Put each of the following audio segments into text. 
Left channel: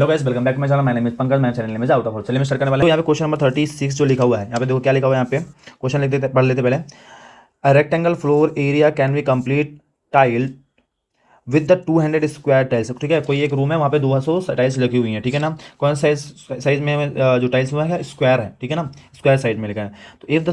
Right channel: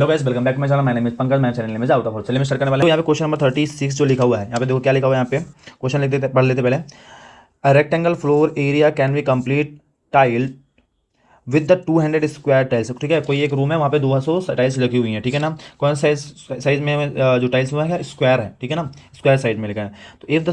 Hello guys, welcome back to my channel. My name is Pankaj. मैं channel में out of. चलिए मैं start करने वाला हूं। यहाँ पे क्वेश्चन नंबर 36 जो लिखा हुआ है, यहाँ पे देखो क्या लिखा हुआ है। यहाँ पे क्वेश्चन लिख देते, पढ़ लेते पहले। A rectangle floor area can be complete tile with the 200 square tiles. ठीक है, कोई एक रूम है, वहाँ पे 200 टाइल्स लगी हुई हैं। ठीक है ना, कौन साइज साइज में जो टाइल्स हुआ है स्क्वायर है। ठीक है ना, स्क्वायर साइड में लिखा है। तो if the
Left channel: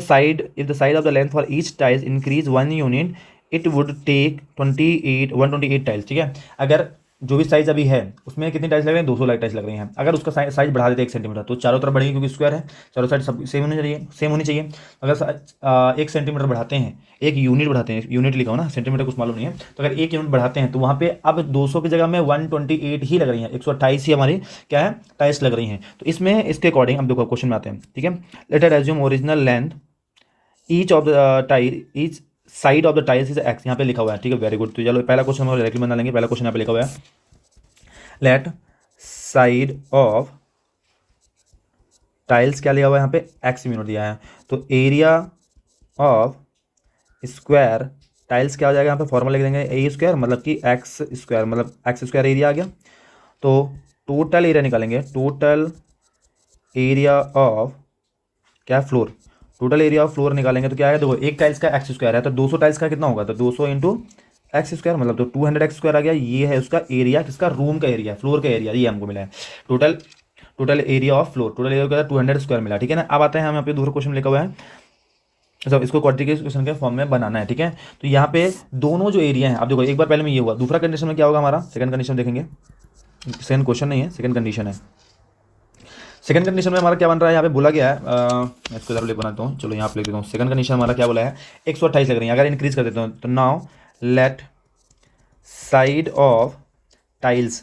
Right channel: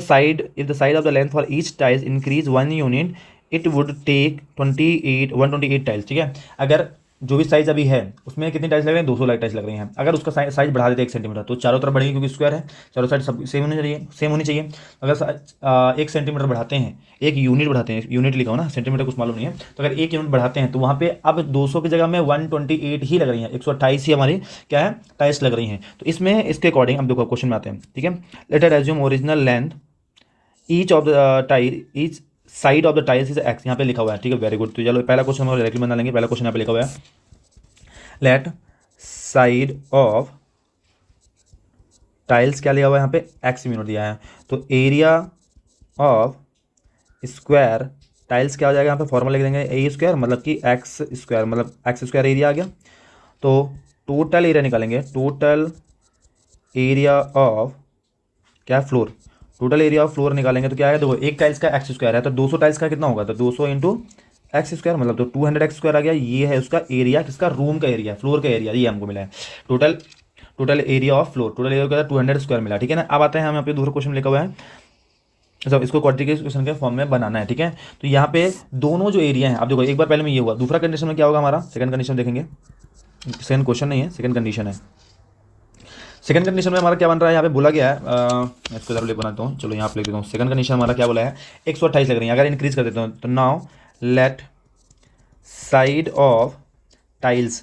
side of the length for each tiles increase 1 unit it would take 128 tiles. ठीक है, अगर जो भी साइज अभी है उसमें कितनी टाइल्स लग रही है, 200 टाइल्स लग रही हैं। अगर उसका साइज बढ़ा देते 1 सेंटीमीटर तो चारों तरफ बढ़ेगी, क्योंकि स्क्वायर है, चारों साइड सब सेम होनी चाहिए। अगर 1 सेंटीमीटर बढ़ाते हैं, एक यूनिट बढ़ाते हैं, यूनिट लिखा हो ना, सेंटीमीटर कुछ मालूम नहीं है, तो अगर एक यूनिट बढ़ाते हैं तो वहाँ पे अब 200 की जगह में 128 ही लग रही है, 128 ही हमारी क्या है टाइल्स लग रही हैं। तो इसमें इसके अकॉर्डिंग हम देखो क्वेश्चन में आते हैं। ठीक है, let us assume original length each of the tile each side of the tiles is x. यहाँ पे लिखा हुआ है। ठीक है, वेरी गुड। तो चलो पहला क्वेश्चन हम डायरेक्टली बना लेंगे। पहला क्वेश्चन यहाँ पे लिखा हुआ है, लेट साइड ऑफ टाइल्स क्या लिया हुआ है यहाँ पे, एक्स यूनिट दिया है। तो एरिया ऑफ स्क्वायर टाइल्स क्या हो जाएगा, यहाँ पे फॉर्मूला लिख देंगे ए स्क्वायर मतलब कि एक्स स्क्वायर, मतलब एक्स स्क्वायर एरिया आ गया। तो टोटल एरिया निकालेंगे, टोटल एरिया ऑफ क्या floor, total area of floor निकालेंगे तो क्या है, देखो एक टाइल्स का एक्स स्क्वायर है तो 200 टाइल्स का कितना होगा, तो 200 इंटू एक्स स्क्वायर मतलब तो 200 एक्स स्क्वायर आ गया। ये है उसका एरिया, किसका, रूम का एरिया, फ्लोर का एरिया, ये हमको मिला है। Total total area of floor, total area क्या है 200 स्क्वायर मिला। ठीक है ना, अब आता है हमें अपने दूसरा क्वेश्चन लिखा हुआ है, सब इसको क्वाड्रेटिक के फॉर्म में बनाना है। ठीक है, तो यहाँ पे दोनों जो एरिया है, आप देखो एक बार पहले में ये हुआ, दूसरा कंडीशन में क्या होगा हमारा, सेकंड कंडीशन देखेंगे। सेकंड क्वेश्चन नहीं है, सेकंड कंडीशन है। सेकंड कंडीशन में हमारा क्या बन रहा है, यहाँ पे बोला गया है, इसको इधर लिख बनाता हूँ, चलो यहाँ पे लिख देता हूँ। सेकंड कंडीशन हमारा क्या बोला है, 128 लग रही है। अगर इंक्रीज कर देते हैं तो now let side of tiles,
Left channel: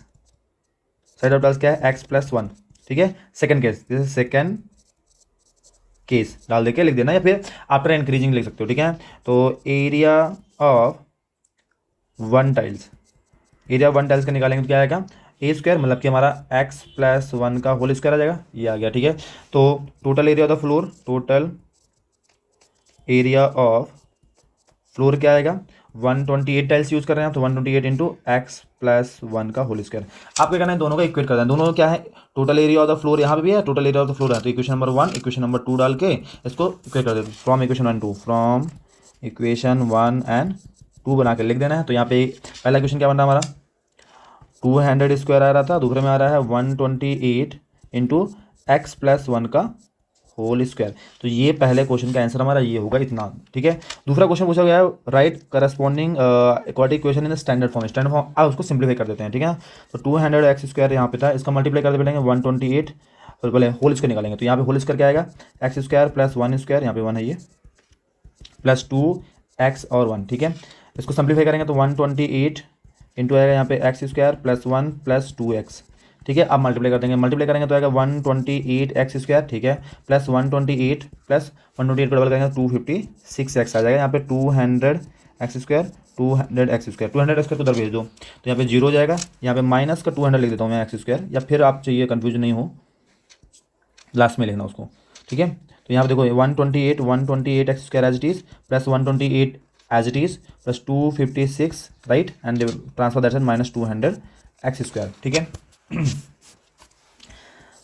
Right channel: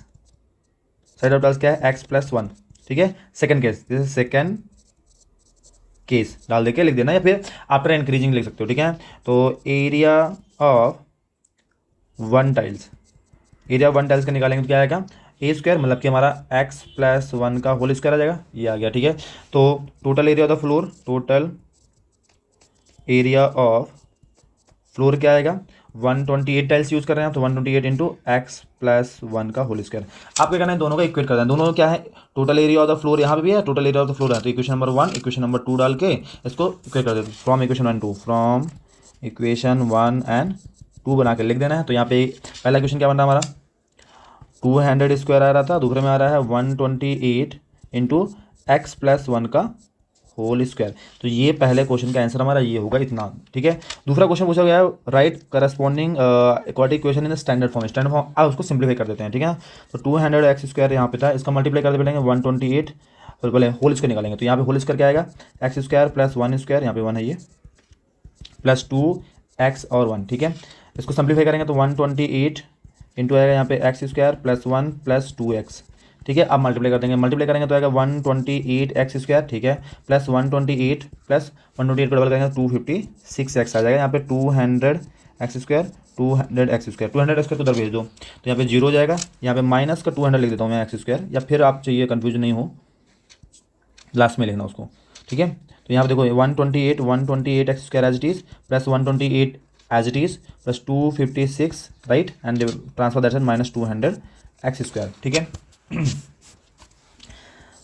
side of tiles क्या है, x+1। ठीक है, second case, this is second case डाल देके लिख देना, या फिर आफ्टर इंक्रीजिंग लिख सकते हो। ठीक है, तो area of one tiles, area one tiles का निकालेंगे तो क्या आएगा, ई स्क्वायर मतलब कि हमारा x+1 का होल स्क्वायर आ जाएगा, ये आ गया। ठीक है, तो total area of the floor, total area of floor क्या आएगा, 128 टाइल्स यूज कर रहे हैं तो 128 इंटू x+1 का होल स्क्वायर। आप क्या करना है, दोनों का इक्वेट कर देना। दोनों क्या है, total area of the floor यहाँ पे भी है, total area of the floor है, तो इक्वेशन नंबर 1 इक्वेशन नंबर 2 डाल के इसको इक्वेट कर देते हैं। From equation 1 2, from equation 1 and 2 बना के लिख देना है। तो यहाँ पे पहला इक्वेशन क्या बन रहा है हमारा, 200 स्क्वायर आ रहा था, दूसरे में आ रहा है 128 इंटू x+1 का होल स्क्वायर। तो ये पहले क्वेश्चन का आंसर हमारा ये होगा इतना। ठीक है, दूसरा क्वेश्चन पूछा गया है, right corresponding aquatic equation in standard form. Standard form उसको सिंप्लीफाई कर देते हैं। ठीक है, तो 200 एक्स स्क्वायर यहाँ पे था, इसका मल्टीप्लाई करते पड़ेंगे 128, तो बोले होल स्क्वायर निकालेंगे। तो यहाँ पे होल स्क्वायर क्या आएगा, एक्स स्क्वायर प्लस 1 स्क्वायर, यहाँ पे 1 है ये, प्लस 2x और 1। ठीक है, इसको सिंप्लीफाई करेंगे तो 128 इंटू आएगा यहाँ पे x square plus 1 plus 2x। ठीक है, अब मल्टीप्लाई कर देंगे, मल्टीप्लाई करेंगे तो आएगा 128 एक्स स्क्वायर। ठीक है, प्लस 128 प्लस 128 को डबल करेंगे 256 एक्स आ जाएगा। यहाँ पे 200 x square, 200 x square, 200 x square को उधर भेज दो तो यहाँ पे जीरो हो जाएगा। यहाँ पे माइनस का 200 लिख देता हूँ मैं एक्स स्क्वायर, या फिर आप चाहिए कन्फ्यूजन नहीं हो लास्ट में लिखना उसको। ठीक है, तो यहाँ पे देखो 128 x square as it is plus 128 as it is plus 256 right, and transfer that minus 200 x square. ठीक है,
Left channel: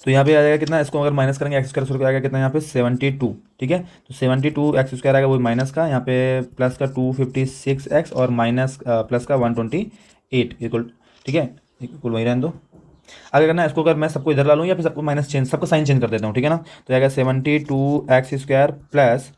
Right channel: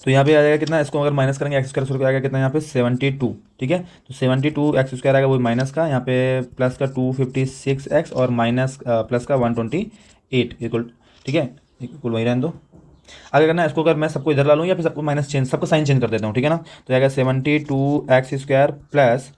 तो यहाँ पे आ जाएगा कितना, इसको अगर माइनस करेंगे एक्स स्क्वायर स्क्वायर आएगा कितना, यहाँ पे 72। ठीक है, तो 72 एक्स स्क्वायर आएगा वो माइनस का, यहाँ पे प्लस का 256 एक्स और माइनस प्लस का 128 इक्वल। ठीक है, इक्वल वही रहने दो। आगे करना है इसको, अगर मैं सबको इधर ला लूँ या फिर सबको माइनस चेंज, सबको साइन चेंज कर देता हूँ। ठीक है ना, तो आएगा 72 एक्स स्क्वायर प्लस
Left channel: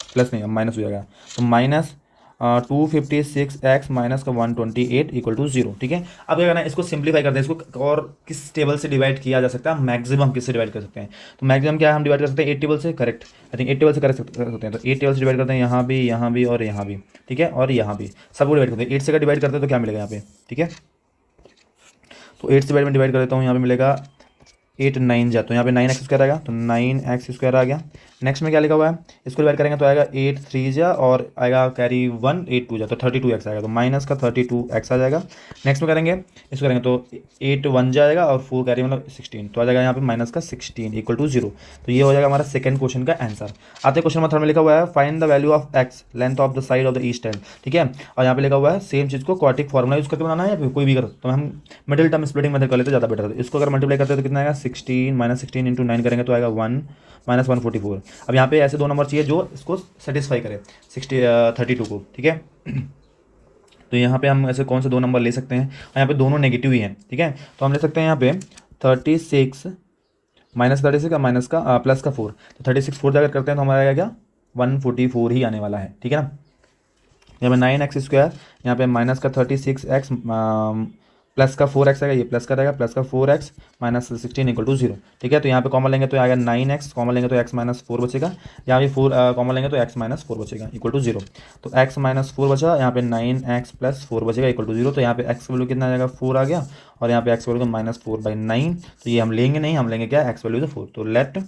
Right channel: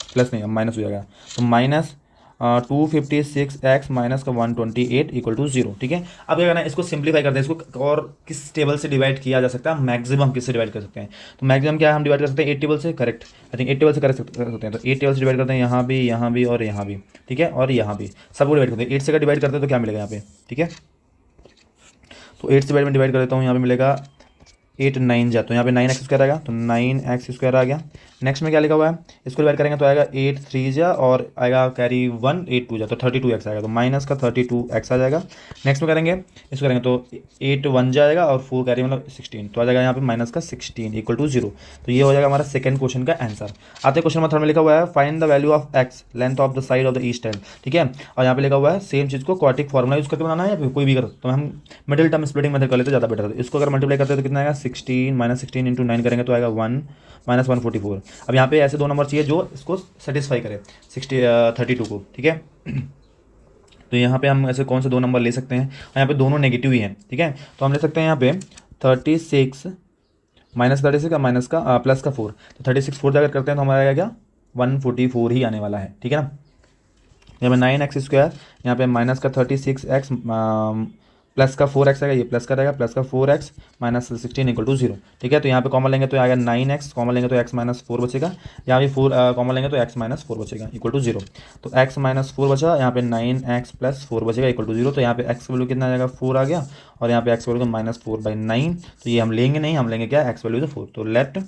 प्लस नहीं माइनस हो जाएगा, तो माइनस 256 एक्स माइनस का 128 इक्वल टू 0। ठीक है, अब क्या करना है, इसको सिंप्लीफाई करते हैं इसको, और किस टेबल से डिवाइड किया जा सकता है, मैक्सिमम किससे डिवाइड कर सकते हैं। तो मैक्सिमम क्या है, हम डिवाइड कर सकते हैं 8 टेबल से, करेक्ट। आई थिंक 8 टेबल से कर सकते हैं, तो 8 टेबल से डिवाइड करते हैं, यहाँ भी और यहाँ भी। ठीक है, और यहाँ पे सबको डिवाइड करते हैं 8 से, डिवाइड करते हैं तो क्या मिलेगा यहाँ पे। ठीक है, तो 8 से में डिवाइड कर देता हूँ, यहाँ पे मिलेगा 8 9 जा, तो यहाँ पे 9x² आएगा, तो 9x² आ गया। नेक्स्ट में क्या लिखा हुआ है, इसको डिवाइड करेंगे तो आएगा 8 3 जा और आएगा कैरी 1 8 2 जा, तो 32x आएगा, तो माइनस का 32x आ जाएगा। नेक्स्ट में करेंगे, इसको करेंगे तो 8 1 जाएगा और 4 कैरी मतलब 16, तो आ जाएगा यहाँ पे माइनस का 16 इक्वल टू 0। तो ये हो जाएगा हमारा सेकंड क्वेश्चन का आंसर। आते क्वेश्चन नंबर 3 में लिखा हुआ है find the value of x length of the side of the east tile, ठीक है। और यहाँ पे लिखा हुआ है सेम चीज़ को क्वाड्रेटिक फॉर्मूला यूज करके बनाना है या फिर कोई भी कर, तो हम मिडिल टर्म स्प्लिटिंग मेथड कर लेते ज़्यादा बेटर होता है। इसको अगर मल्टीप्लाई करते हैं तो कितना आएगा 16 माइनस 16 इंटू 9 करेंगे तो आएगा 1 माइनस 144। अब यहाँ पे ऐसे दो नंबर चाहिए जो इसको सेटिस्फाई करे 32 को, ठीक है। तो यहाँ पे हम ऐसे कौन से दो नंबर ले सकते हैं, और यहाँ पे दोनों नेगेटिव ही हैं, ठीक है। तो हम ले सकते हैं यहाँ पे 36 माइनस 36 का माइनस का प्लस का 4, तो 36 4 जगह करते हैं तो हमारा आएगा क्या 144 ही आने वाला है, ठीक है ना। यहाँ पे 9x², यहाँ पे माइनस का 36x प्लस का 4x आएगा, ये प्लस का रहेगा, प्लस का 4x माइनस 16 इक्वल टू 0, ठीक है। तो यहाँ पे कॉमन लेंगे तो आएगा 9x, कॉमन लेंगे तो x माइनस 4 बचेगा, यहाँ पे 4 कॉमन लेंगे तो x माइनस 4 बचेगा इक्वल टू 0। तो x माइनस 4 बचा, यहाँ पे 9x प्लस 4 बचेगा इक्वल टू 0। तो यहाँ पे x वैल्यू कितना आ जाएगा 4 आ गया, और यहाँ पे x वैल्यू का माइनस 4/9, तो ये हम लेंगे नहीं, हम लेंगे क्या x वैल्यू 4, तो लेट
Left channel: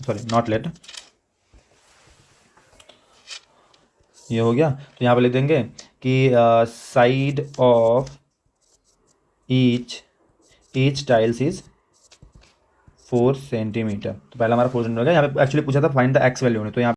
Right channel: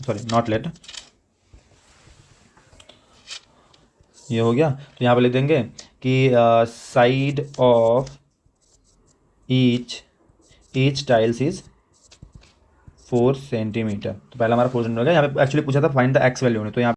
सॉरी नॉट लेट, ये हो गया। तो यहाँ पे लिख देंगे कि side of each tiles is 4 centimetre. तो पहला हमारा 4 सेंटीमीटर, यहाँ पे एक्चुअली पूछा था फाइंड द एक्स वैल्यू, तो यहाँ